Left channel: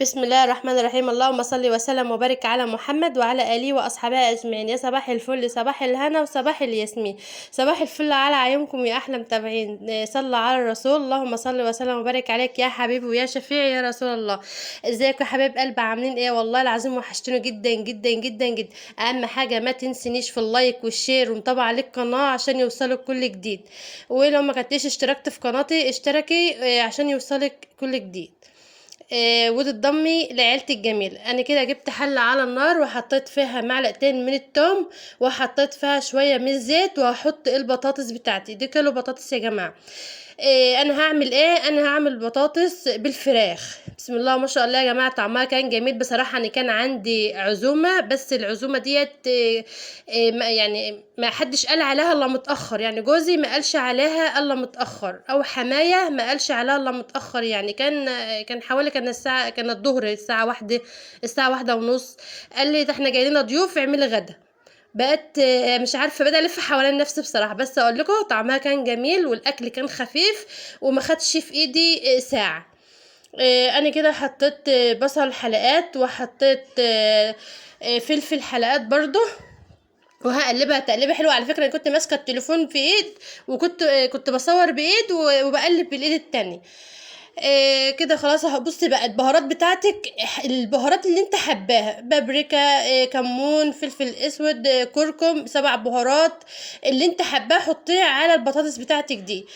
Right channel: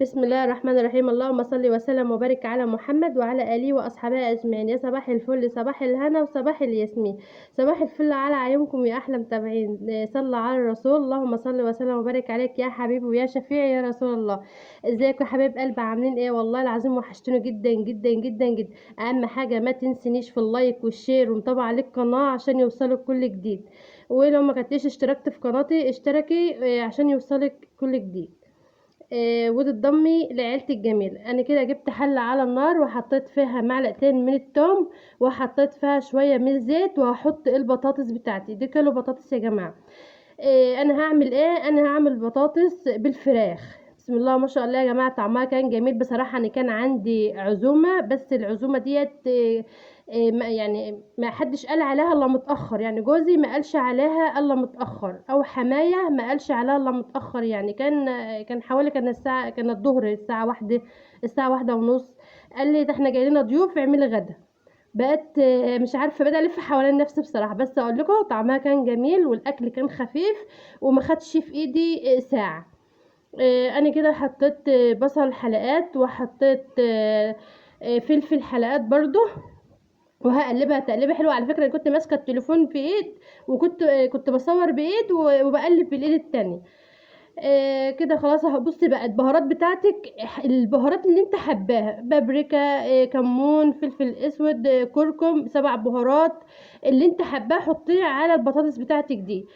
بسم الله الرحمن الرحيم. اللهم صل وسلم وبارك على محمد وعلى آله وأصحابه أجمعين. يا صباح الفل، صباح الهنا وصباح الياسمين، صباح الفل على عيونكم يا أحلى متابعين. صلى على الرسول. اللهم صل وسلم وبارك عليك يا حبيبي ويا شفيعي يا رسول الله. ازيكم يا حبايب قلبي؟ عاملين ايه؟ والله العظيم وحشتوني جدا جدا جدا جدا. أهم حاجة ما تنسنيش في اللايك والشير ومتابعة للقناة عشان يوصلك كل جديد. ولو ما كنتيش اشتركت في قناتي اشتركي عشان يوصلك كل جديد. وتتضمي لعيلتي الجميل. انا كده جبت حله على النار وحطيت فيها معلقتين من التوم وحطيت فيها شويه من الزيت وهحط البطاطس بتاعتي. دي كيلو بطاطس يا جماعه. انا هعمل ايه؟ انا هعمل بطاطس بالفراخ. بسم الله ما شاء الله يا جماعه، طعمها كان جميل بصراحه. انا كان عندي عزومه بس العزومه ديت يعني ما حدش قال عليها الا متاخر. يعني جوزي ما قالش عليها الا متاخر، او حمايه ما قالش عليها الا متاخر. يعني كان حوالي كان الساعه، كان الظهر الساعه واحدة، الساعه واحدة ونص. قال لي ده احنا جاي لنا ضيوف اعملي غدا. بقت مش عارفه، بدأ الف حوالين نفسي بصراحه. بس اقول لكم طعمها كان جميل والاكل كان خفيف وما خدش في ايدي ساعه. انا كده حطيت بصل حلقات وحطيت فلفل حلقات برضو. وهقلبها تقليبه حلوه. على فكره انا كنت ماسكه التليفون في ايد وكنت بصور بايد وبقلب بالايد التانية. كده خلاص. بصي بقى البهارات بتاعتك، البهارات اللي انت حباها: بابريكا، كمون، فلفل اسود، كركم، 7 بهارات اللي انت حباه حطيه على البطاطس بتاعتك دي.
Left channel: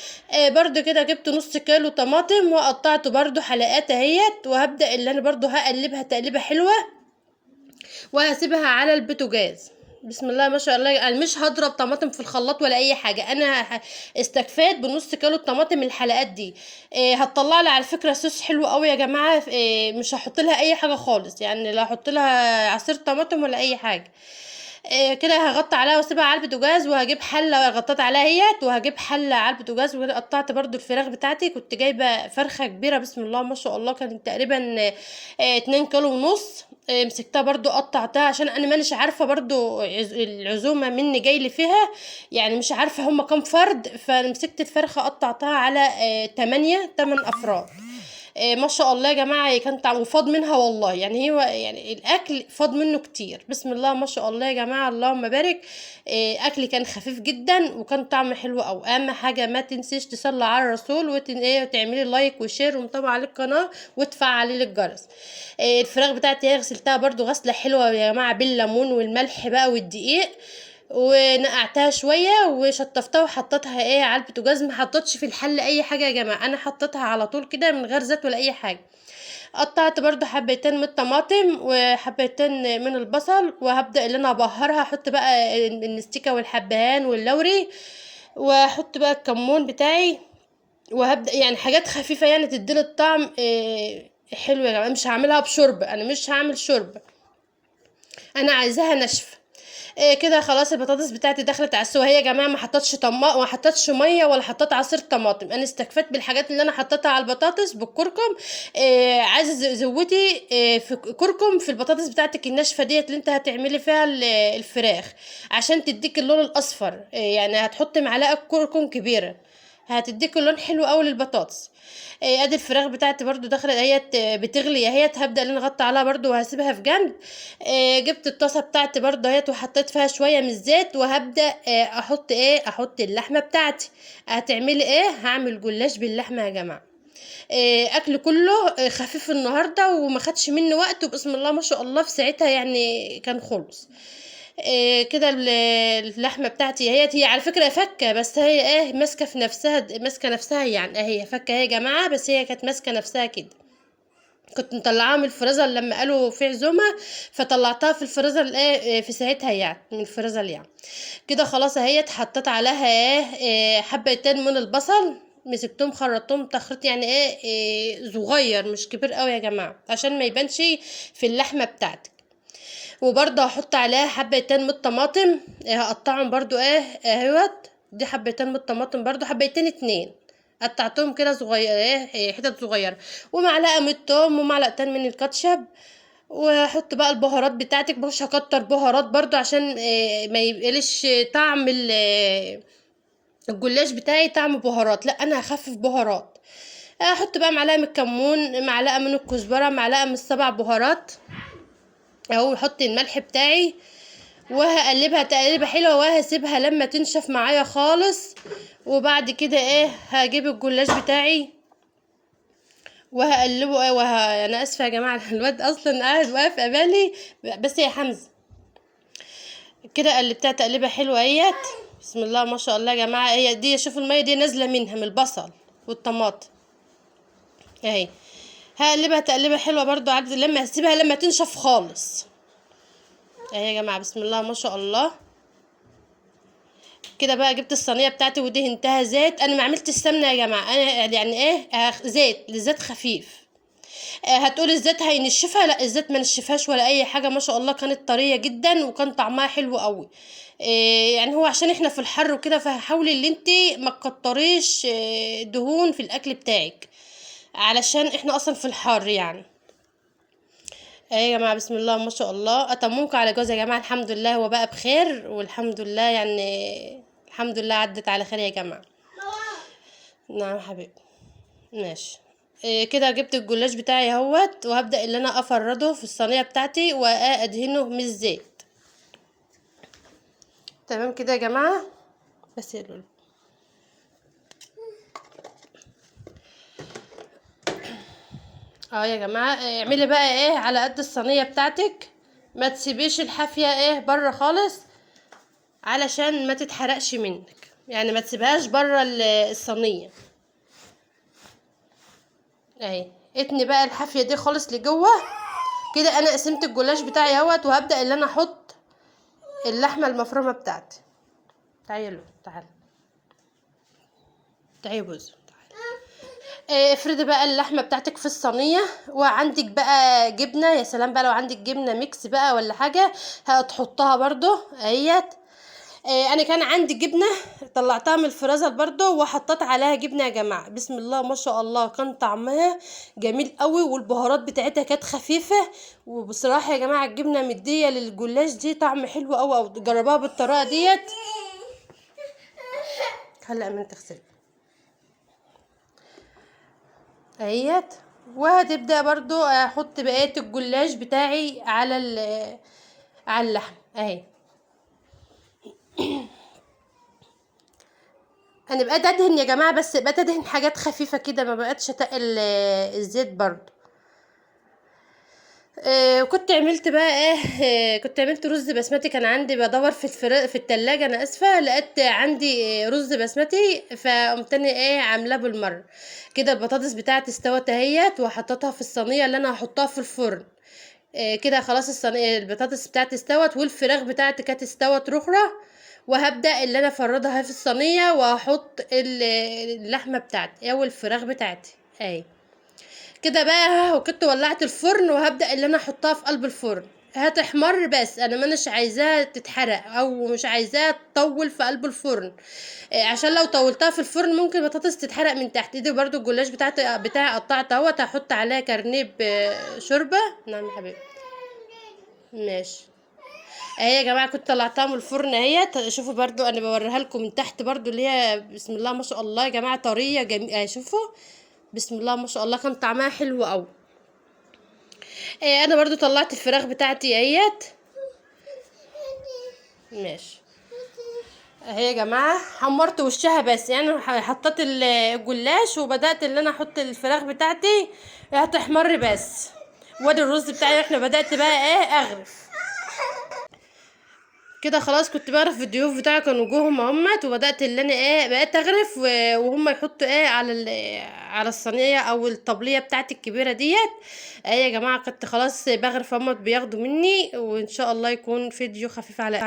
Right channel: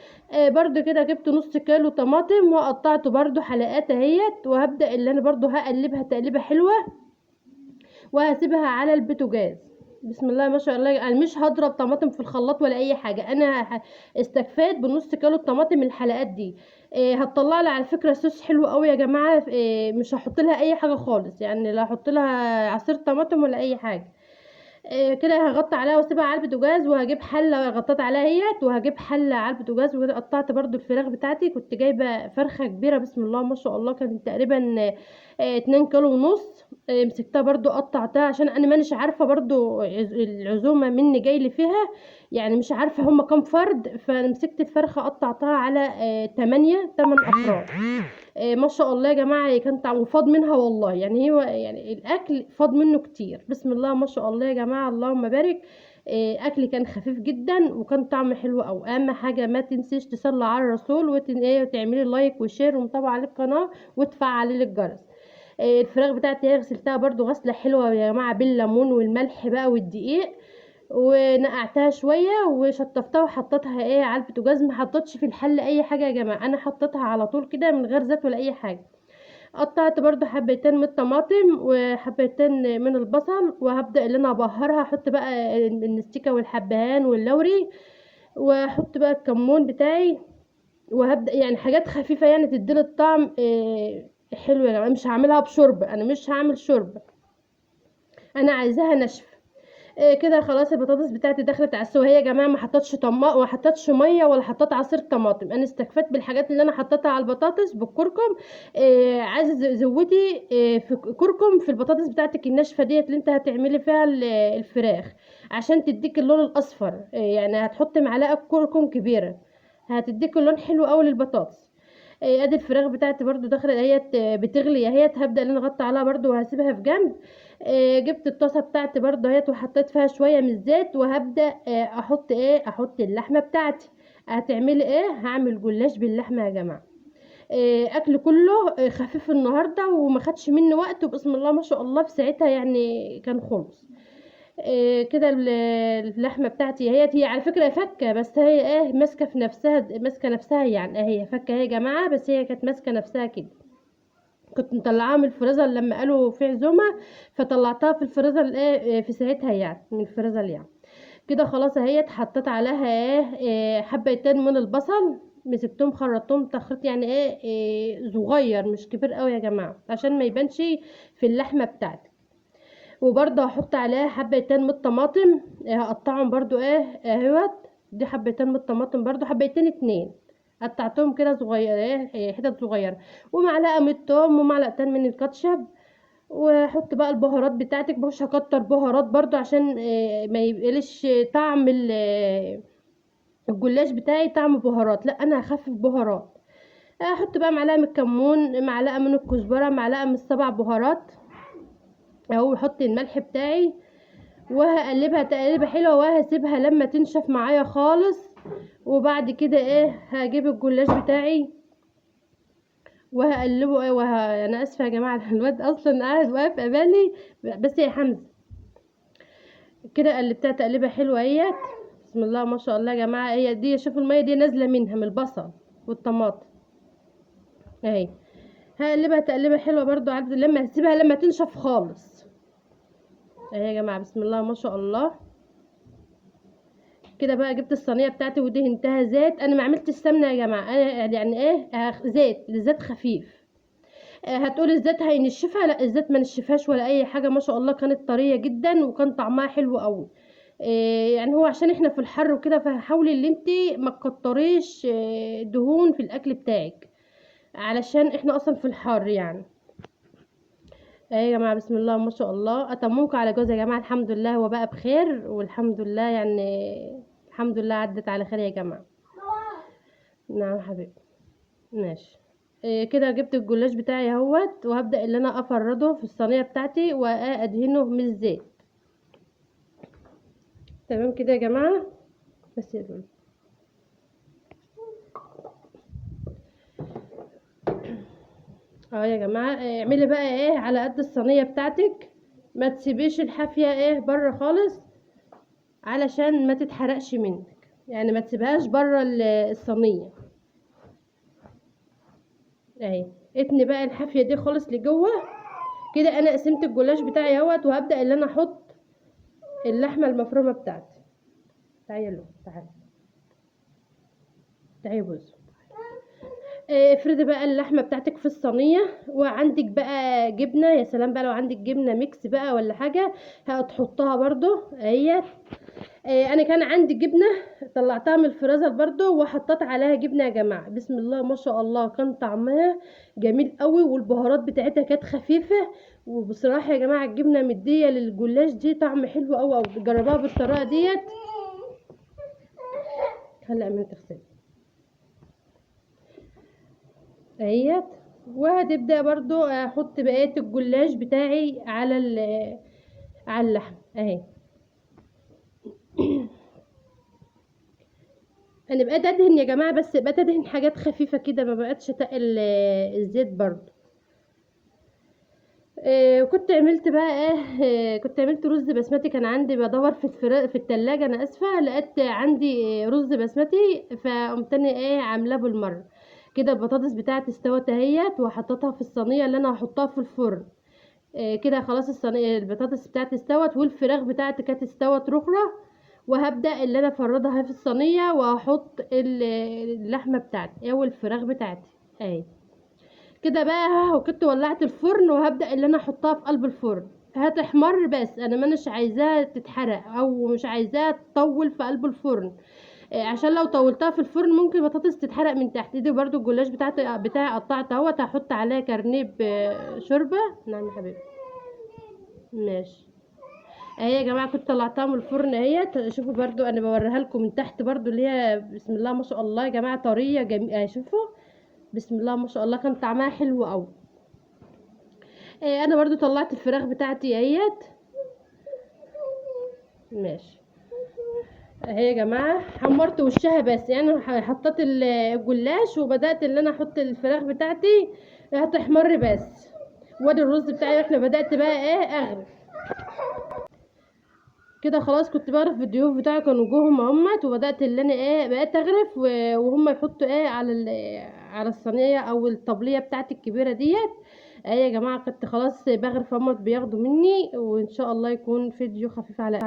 برضو كده جبت نص كيلو طماطم وقطعته برضو حلقات اهيت. وهبدأ اللي انا برضو هقلبها تقليبه حلوه وهسيبها على البوتاجاز. بسم الله ما شاء الله. انا مش هضرب طماطم في الخلاط ولا اي حاجه. انا استكفيت بنص كيلو الطماطم الحلقات دي. هتطلع لي على فكره صوص حلو قوي يا جماعه. مش هحط لها اي حاجه خالص، يعني لا هحط لها عصير طماطم ولا اي حاجه. كده هغطي عليها واسيبها على البوتاجاز. وهجيب حله غطيت عليها اهيت، وهجيب حله على البوتاجاز. وكده قطعت برضو الفراخ بتاعتي. كنت جايبه فرخه كبيره بسم الله ما شاء الله، كانت تقريبا 2 كيلو ونص. مسكتها برضو قطعتها عشان انا مانيش عارفه برضو العزومه مني جاي لي فيها. يعني مش عارفه هما كام فرد. فمسكت الفرخه قطعتها على 8 افراد. ما شاء الله يا جماعه كان طعم وفاض منها والله. يعني هو يعني الاكل فاض منه كتير. بسم الله ما شاء الله يا جماعه، اللهم بارك. اكل كان خفيف جدا وكان طعم حلو. او اهم حاجه ما تنسيش تصلي على الرسول وتعملي لايك وشير ومتابعه للقناه وتفعلي الجرس. الفراخ بتاعتي هي غسلتها برضو غسله حلوه يا جماعه بالليمون والملح بقى والدقيق. ونقعتها شويه وشطفتها وحطيتها على البوتاجاز. ما حطيتش في الحل اي حاجه يا جماعه، انا حطيتها على طول كده من غير زيت ولا اي حاجه. قطعت برضو حبتين من الطماطم وحبتين من البصل. وهبدأ اللي انا ابهرها. احط بقى النستيكة والحبهان واللوري، واحط بقى الكمون بتاعي. وهبدأ يعني حاجات خفيفة يعني تديله الطعم حلو يا جماعة. مش هعملها بشرب، انا مش هعمل شرب، انا عايزاها ناشفة. كده خلاص. البطاطس بتاعتي دخلت على السوا. هي يا جماعه ما حطيتش ما حطيتش ميه ولا حطيت عصير طماطم. انا استكفيت بالحاجات اللي انا حطيتها على البطاطس بالكركم. عايزه زودي في كركم في البطاطس بتاعتك الناشفه ديت اللي انت هتعملي فيها الفراخ عشان تديك اللون الاصفر. يعني هتحطي معلقه كركم كبيره هتديك اللون حلو قوي للبطاطس. ادي الفراخ بتاعتي برضو دخلت اهيت بتغلي اهيت. هبدا ان انا اغطي عليها برضو وهسيبها في جنب. جبت الطاسه بتاعتي برضو اهيت وحطيت فيها شويه من الزيت. وهبدا احط اللحمه بتاعتي. هتعملي هعمل جلاش باللحمه يا جماعه. اكل كله خفيف النهارده وما خدش مني وقت. وبسم الله ما شاء الله في ساعتها يعني كان خلص. كده اللحمه بتاعتي هي على فكره فكه. بس هي ماسكه في نفسها، ماسكه نفسها. يعني هي فكه هي يا جماعه، بس هي كانت ماسكه نفسها كده. كنت مطلعاها من الفريزر لما قالوا في عزومه، فطلعتها في الفريزر في ساعتها يعني من الفريزر يعني. كده خلاص اهي حطيت عليها حبتين من البصل. مسكتهم خرطتهم تخريط يعني صغير مش كبير قوي يا جماعه عشان ما يبانش في اللحمه بتاعتك. وبرضه هحط عليها حبتين من الطماطم. هقطعهم برضو اهوت. دي حبتين من الطماطم برضو، حبتين 2 قطعتهم كده صغير حتت صغيره. ومعلقه من التوم ومعلقتين من الكاتشب. واحط بقى البهارات بتاعتك. مش هكتر بهارات برضو عشان ما يبقلش طعم الجلاش بتاعي طعم بهارات. لا انا هخفف بهارات. احط بقى معلقه من الكمون، معلقه من الكزبره، معلقه من السبع بهارات اهو، احط الملح بتاعي وهقلبها تقليبه حلوه وهسيبها لما تنشف معايا خالص. وبعد كده هجيب الجلاش بتاعي وهقلبه انا اسفه يا جماعه الواد اصلا قاعد واقف قبالي، بس يا حمزه كده قلبتها تقليبه حلوه اهيت. بسم الله ما شاء الله يا جماعه، هي دي شوفوا الميه دي نازله منها من البصل والطماطم اهي. هقلبها تقليبه حلوه برضو عبد لما هسيبها لما تنشف خالص اهي يا جماعه. بسم الله ما شاء الله كده بقى جبت الصينيه بتاعتي ودهنتها زيت. انا ما عملتش سمنه يا جماعه، انا يعني زيت خفيف. هتقولي الزيت هينشفها، لا الزيت ما نشفهاش ولا اي حاجه، ما شاء الله كانت طريه جدا وكان طعمها حلو قوي. يعني هو عشان احنا في الحر وكده، فحاولي ان انتي ما تكتريش دهون في الاكل بتاعك علشان احنا اصلا في الحر يعني. يا جماعه بسم الله ما شاء الله، اتممكم على جوز يا جماعه. الحمد لله هو بقى بخير والحمد لله يعني، الحمد لله عدت على خير يا جماعه. نعم حبيبي ماشي. كده جبت الجلاش بتاعي اهوت، وهبدأ ان انا افرده في الصينية بتاعتي وادهنه من الزيت. تمام كده يا جماعة. بس يا لولو يا جماعة، اعملي بقى على قد الصينية بتاعتك، ما تسيبيش الحافية بره خالص علشان ما تتحرقش منك، يعني ما تسيبهاش بره الصينية اهي. اتني بقى الحافية دي خالص لجوه كده. انا قسمت الجلاش بتاعي اهوت، وهبدأ ان انا احط اللحمة المفرومة بتاعتي. تعالوا تعالي بوز. افردي بقى اللحمه بتاعتك في الصينيه، وعندك بقى جبنه، يا سلام بقى لو عندك جبنه ميكس بقى ولا حاجه هتحطها برضو اهيت. انا كان عندي جبنه طلعتها من الفريزر برضو وحطيت عليها جبنه يا جماعه. بسم الله ما شاء الله كان طعمها جميل قوي، والبهارات بتاعتها كانت خفيفه. وبصراحه يا جماعه الجبنه مديه للجلاش دي طعم حلو قوي قوي، جربوها بالطريقه ديت. هلا من تغسل اهيت. وهتبدا برضو احط بقيه الجلاش بتاعي على اللحم اهي. انا بقيت ادهن يا جماعه، بس بقيت ادهن حاجات خفيفه كده، ما بقتش اتقل الزيت برضو. كنت عملت بقى كنت عملت رز بسمتي. كان عندي بدور في التلاجة، انا اسفه، لقيت عندي رز بسمتي، فقمت انا عاملاه بالمره كده. البطاطس بتاعتي استوت اهيت، وحطيتها في الصينيه اللي انا هحطها في الفرن. كده خلاص الصينيه البطاطس بتاعتي استوت، والفراخ بتاعتي كانت استوت رخرة. وهبدا اللي انا افردها في الصينيه، وهحط اللحمه بتاعتي او الفراخ بتاعتي اهي كده بقى. وكنت ولعت الفرن، وهبدأ اللي انا احطها في قلب الفرن. هتحمر، بس انا مانيش عايزاها تتحرق او مش عايزاها تطول في قلب الفرن. عشان لو طولتها في الفرن ممكن البطاطس تتحرق من تحت ايدي. برضو الجلاش بتاعي قطعت اهوت، هحط عليها كرنيب شوربه. نعم يا حبيبي ماشي. اهي يا جماعه كنت طلعتها من الفرن اهي. شوفوا برضو انا بوريها لكم من تحت برضو، اللي هي بسم الله ما شاء الله يا جماعه طريه جميله. شوفوا بسم الله ما شاء الله كان طعمها حلو قوي. انا برضو طلعت الفراخ بتاعتي اهيت ماشي اهي يا جماعه. حمرت وشها بس، يعني حطيت الجلاش وبدات ان انا احط الفراخ بتاعتي هتحمر بس. وادي الرز بتاعي احنا بدات بقى اغرف كده. خلاص كنت بغرف في الضيوف بتاعي، كانوا جوهم همت، وبدات اللي انا بقيت اغرف وهم يحطوا على الصينيه او الطبليه بتاعتي الكبيره ديت. اهي يا جماعه كنت خلاص بغرف، همت بياخدوا مني، وان شاء الله يكون فيديو خفيف على